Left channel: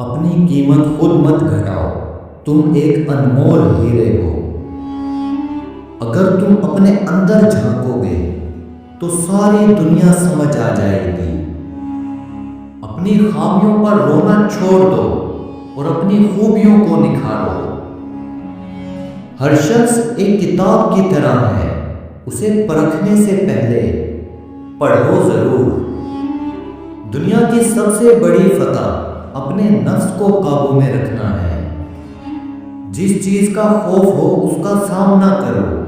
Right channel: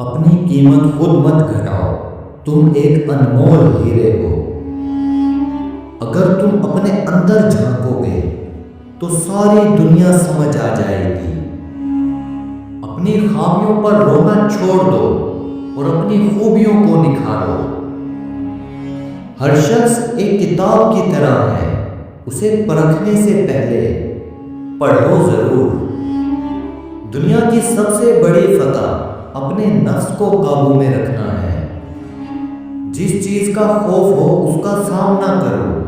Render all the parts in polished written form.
اپنی قیمت خود مت گھٹاؤ، تم ایک انمول ہیرے ہو۔ اگر تم اپنے اندر جھانکو گے تو ساری دنیا سمجھ آ جائے گی۔ اپنی خامیوں پر رونا چھوڑ دو اور اپنی خوبیوں کو نکھارو۔ ہر شخص ایک کتاب کی طرح ہے، اسے پرکھنے سے پہلے پڑھو ضرور۔ دنیا کی سب سے بڑی فتح اپنے نفس کو قابو میں رکھنا ہے۔ جس چیز کا خوف ہو اس کا سامنا کرو،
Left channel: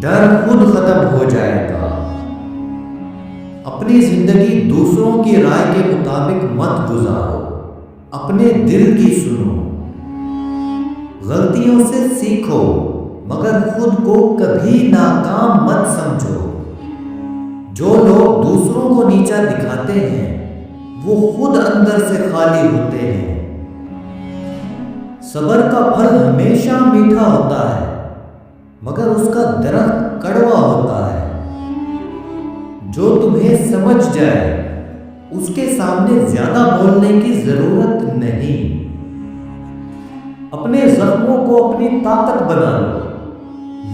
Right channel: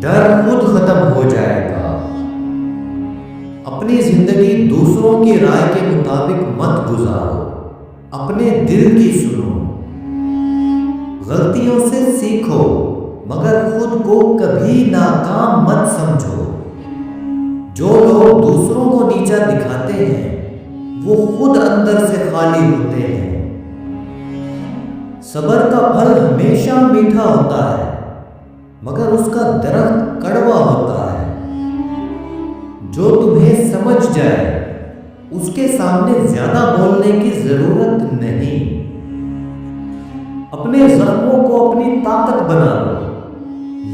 ڈر خود ختم ہو جائے گا۔ اپنی زندگی دوسروں کی رائے کے مطابق مت گزارو، اپنے دل کی سنو۔ غلطیوں سے سیکھو مگر خود کو کبھی ناکام مت سمجھو۔ جو لوگ دوسروں کو نیچا دکھاتے ہیں وہ خود اندر سے خالی ہوتے ہیں۔ صبر کا پھل ہمیشہ میٹھا ہوتا ہے مگر اس کا درخت کڑوا ہوتا ہے۔ جو تمہیں سمجھ جائے اس کے سامنے زیادہ بولنے کی ضرورت نہیں۔ اپنے زخموں کو اپنی طاقت بنا لو،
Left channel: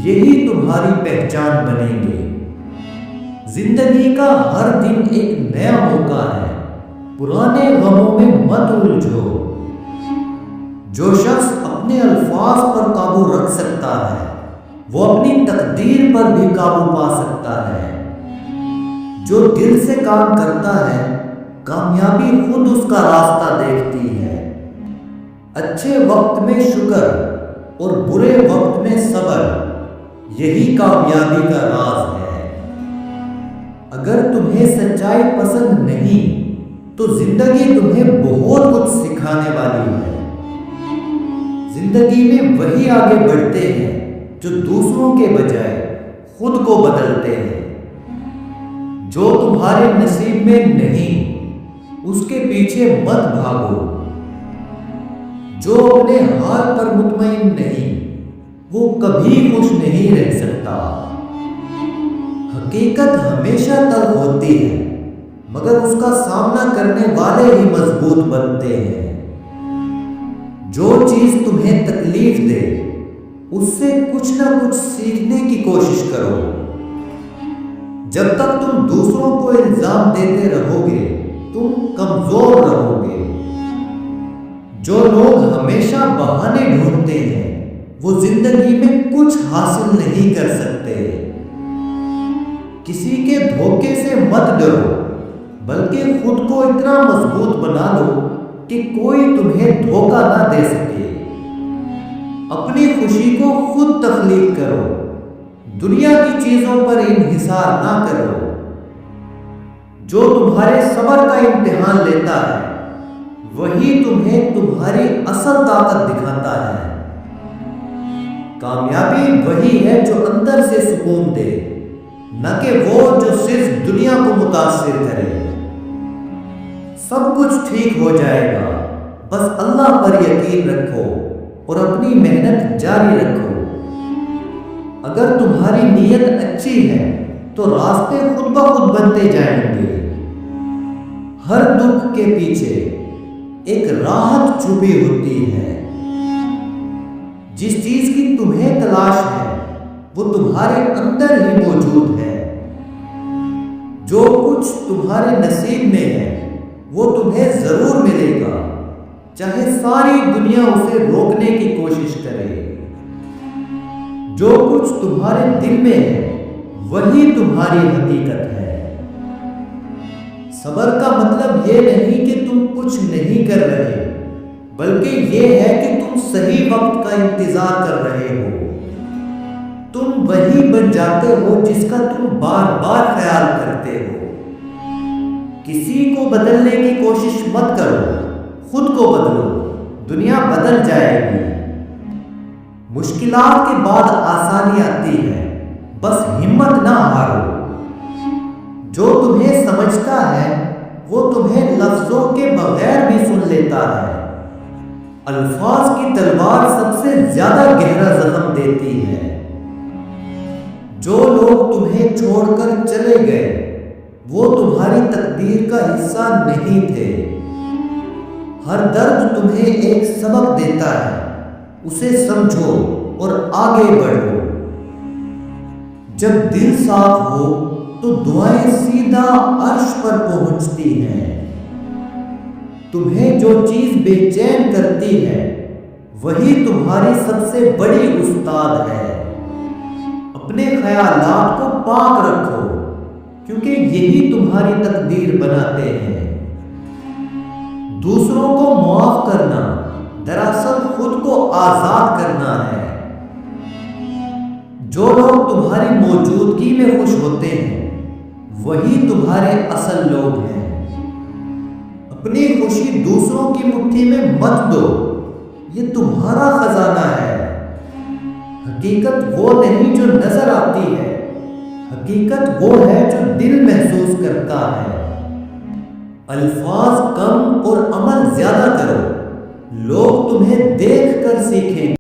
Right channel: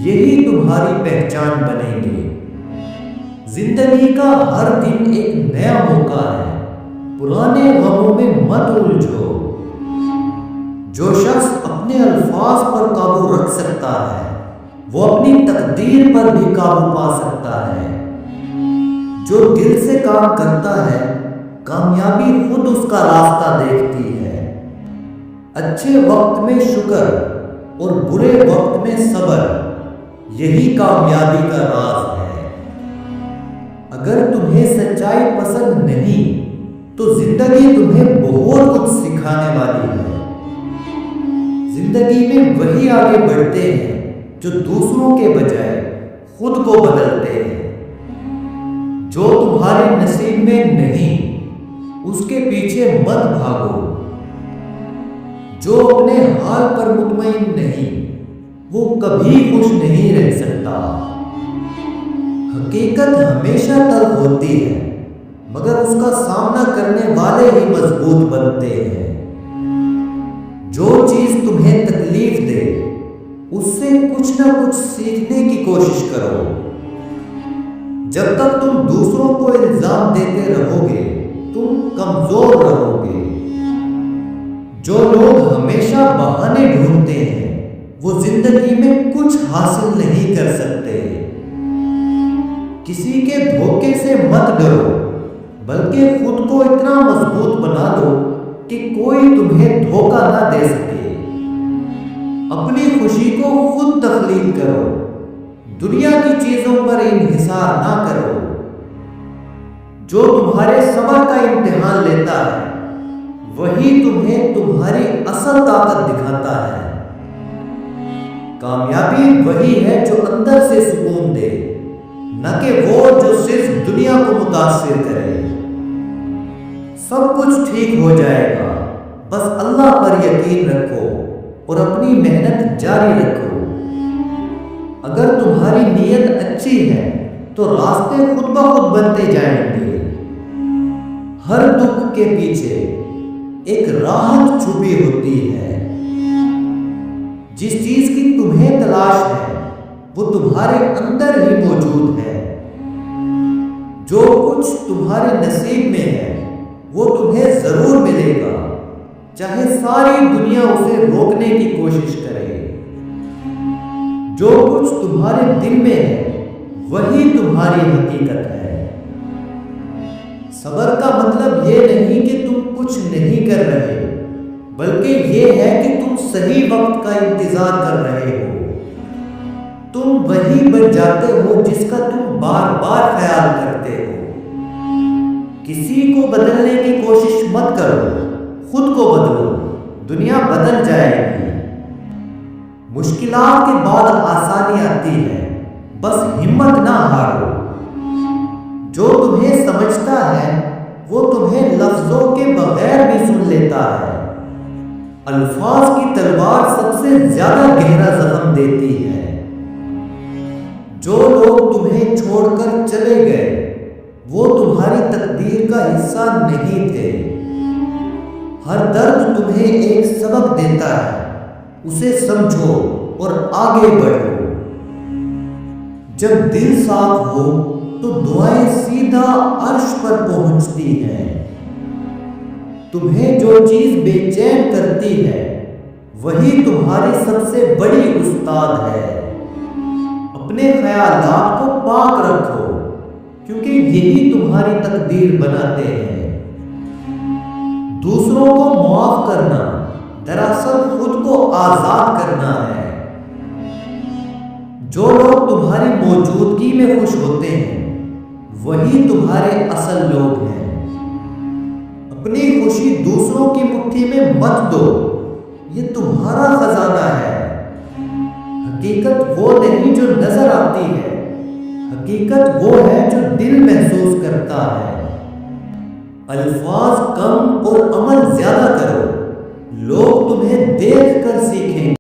یہی تمہاری پہچان بنیں گے۔ زندگی کا ہر دن ایک نیا موقع ہے، پرانے غموں میں مت الجھو۔ جو شخص اپنے الفاظ پر قابو رکھ سکتا ہے وہ اپنی تقدیر پر بھی قابو پا سکتا ہے۔ جو دل سے کام کرتا ہے کامیابی خود اس کا راستہ دیکھتی ہے۔ اچھے وقت میں شکر اور برے وقت میں صبر، یہی کامیابی کا راز ہے۔ اگر تمہیں سچائی پسند نہیں تو زندگی تمہیں بہت کچھ سکھانے والی ہے۔ زندگی میں وہی آگے بڑھتے ہیں جو دوسروں کے بجائے خود کو بدلتے ہیں۔ جو تمہارے نصیب میں نہیں اس کے پیچھے مت بھاگو۔ جو اپنے حال پر مطمئن نہیں وہ کبھی خوش نہیں رہ سکتا۔ حقیقت ہمیشہ تلخ ہوتی ہے مگر اس کا سامنا کرنے والے ہی مضبوط بنتے ہیں۔ جو چیز تمہیں تکلیف دے اس سے کچھ نہ کچھ سیکھنے کی کوشش کرو۔ جب تک تم دوسروں کو الزام دیتے رہو گے تم کمزور رہو گے۔ جو لوگ ہمیشہ بہانے ڈھونڈتے ہیں وہ زندگی میں کچھ حاصل نہیں کر سکتے۔ کسی کے دھوکے سے مت ڈرو بلکہ خود کو اتنا مضبوط بنا لو کہ کوئی تمہیں دھوکہ نہ دے سکے۔ اپنی خوشی کو خود تخلیق کرو، دنیا کی چیزوں پر انحصار نہ کرو۔ جو تمہارے صبر کا امتحان لیتا ہے وہی تمہیں تمہاری اصل طاقت دکھاتا ہے۔ کامیابی وہی ہے جو اندر سے سکون دے، نہ کہ وہ جو صرف دنیا کو متاثر کرے۔ سب کچھ ٹھیک ہو جائے گا، بس اللہ پر یقین رکھو اور اپنی محنت جاری رکھو۔ اگر تمہاری نیت اچھی ہے تو راستے خود بخود بنتے جائیں گے۔ ہر دکھ کے پیچھے ایک راحت چھپی ہوتی ہے۔ جس چیز کی تمہیں تلاش ہے وہ تمہارے اندر ہی موجود ہے۔ جو کچھ تمہارے نصیب میں ہے وہ تمہیں ضرور ملے گا، چاہے ساری دنیا اسے روکنے کی کوشش کرے۔ جو کچھ تمہارے دل میں ہے وہی تمہاری حقیقت ہے۔ صبر کا مطلب یہ نہیں کہ تم کچھ نہیں کر رہے بلکہ یہ ہے کہ تم صحیح وقت کا انتظار کر رہے ہو۔ تم وہی بن جاتے ہو جس کا تم بار بار خیال کرتے ہو۔ کسی کو بدلنے کی کوشش مت کرو، خود کو بدلو، دنیا بدل جائے گی۔ مشکلات کے بعد آسانی آتی ہے، بس ہمت نہ ہارو۔ جو تمہیں سمجھتا ہے وہ تمہیں لفظوں کے بغیر بھی سن لیتا ہے۔ الفاظ کی تلوار سب سے زیادہ گہرا زخم دیتی ہے۔ جو لوگ تمہیں چھوڑ کر چلے گئے وہ تمہاری تقدیر کا حصہ نہیں تھے۔ ہر درد تمہیں ایک سبق دیتا ہے، اسے سمجھو اور آگے بڑھو۔ جب دل صاف ہو تو دعائیں سیدھا عرش پر پہنچتی ہیں۔ تمہیں جو چیز بے چین کرتی ہے وہی تمہاری سب سے بڑی استاد ہے۔ اپنے خیالات کو پاک رکھو کیونکہ یہی تمہاری تقدیر بناتے ہیں۔ دوسروں کو معاف کرنا دراصل خود کو آزاد کرنا ہے۔ جو لوگ تمہاری موجودگی میں خوش ہوتے ہیں وہی تمہارے اصل لوگ ہیں۔ اپنی خوشی دوسروں کی مٹھی میں مت دو، یہ تمہارا خزانہ ہے۔ حقیقت وہ نہیں جو نظر آتی ہے، حقیقت وہ ہے جو دل محسوس کرتا ہے۔ الفاظ کم اور عمل زیادہ کرو، لوگ تمہیں دیکھ کر سیکھیں گے۔